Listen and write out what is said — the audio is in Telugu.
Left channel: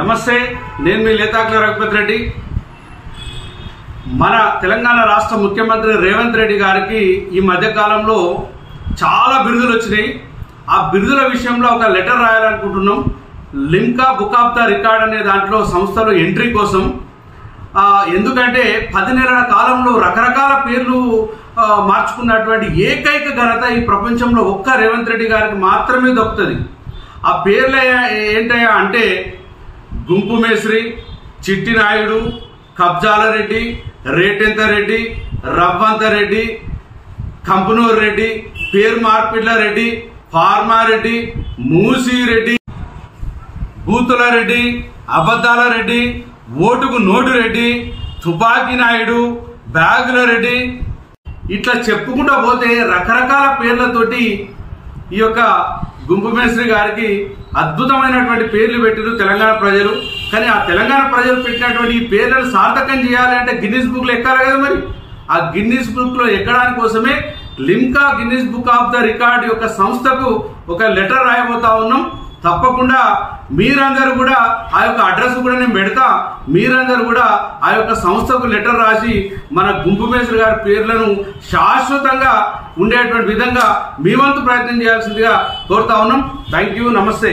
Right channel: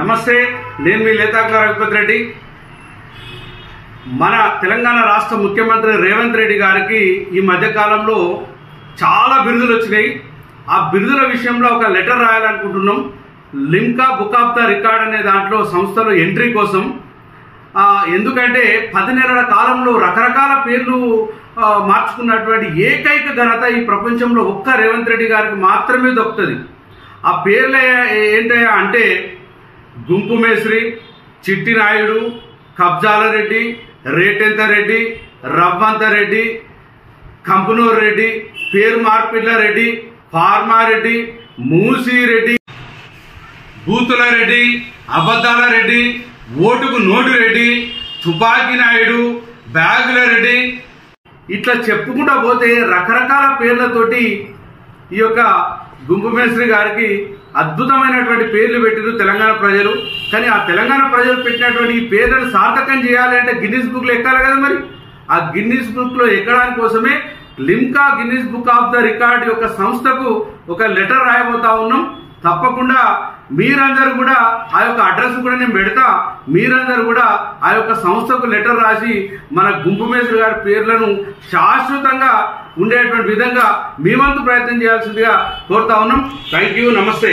నమస్తే, నేను మీ లేతాకుల రఘుపతి రెడ్డి. మన తెలంగాణ రాష్ట్ర ముఖ్యమంత్రి రేవంత్ రెడ్డి గారికి ఈ మధ్యకాలంలో చాలా బిరుదులు వచ్చినాయి. ఆ బిరుదుల విషయంలో ఒక లెటర్ రాయాలనుకుంటున్నాం. Limca book of the record అనే దాంట్లో సంస్థలో ఎంట్రీ కోసం. ఎందుకంటే 10 నెలల కాలంలో రకరకాల పేర్లు మార్చుకున్నటువంటి ఏకైక ఘనత ఈ ప్రపంచంలో ఒక్క రేవంత్ రెడ్డి గారికి మాత్రమే దక్కుతుంది. ఆ పేర్లు ఏంటయ్యా అంటే గుంపు మేస్త్రి, చిట్టి నాయుడు, కబ్జాల రెడ్డి, రేటెంత రెడ్డి, రవ్వంత రెడ్డి, కంపనూరు రెడ్డి, పేరు మార్పిడ్ల రెడ్డి, ఫార్మారెడ్డి, మూసీ రెడ్డి, బూతుల రెడ్డి, అబద్ధాల రెడ్డి, ఓటుకు నోటు రెడ్డి, తుపాకీ నాయుడు, బ్యాగుల రెడ్డి, ఇట్లా చెప్పుకుంటా పోతే రకరకాల పేర్లతోటి ఈ యొక్క గుంపు మేస్త్రి గారికి అద్భుతమైనటువంటి పేర్లు పెట్టిరు తెలంగాణ ప్రజలు. కానీ ఆ తెలంగాణ ప్రజలు పెట్టినటువంటి ఈ పేర్లను సార్థకం చేయాలి అంటే గిన్నిస్ బుక్ లో ఎక్కాలి కదా. మరి ఆ గిన్నిస్ బుక్ లో ఎక్కడానికి కోసమే Limca Guinness book of the record యొక్క సంస్థకు ఒక లెటర్ రాయబోతా ఉన్నాం. తప్పకుండా మీరందరూ కూడా ఆ యొక్క అడ్రస్ కూడా నేను పెడతా. మీరందరూ కూడా ఆ యొక్క సంస్థకు లెటర్ రాసి మన గుంపు మేస్త్రి గారి పేర్లను శాశ్వతంగా ఉండేటువంటి విధంగా మీ వంతు ప్రయత్నం చేయాల్సిందిగా కోరుతా ఉన్నాం. థ్యాంక్ యూ, నమస్తే.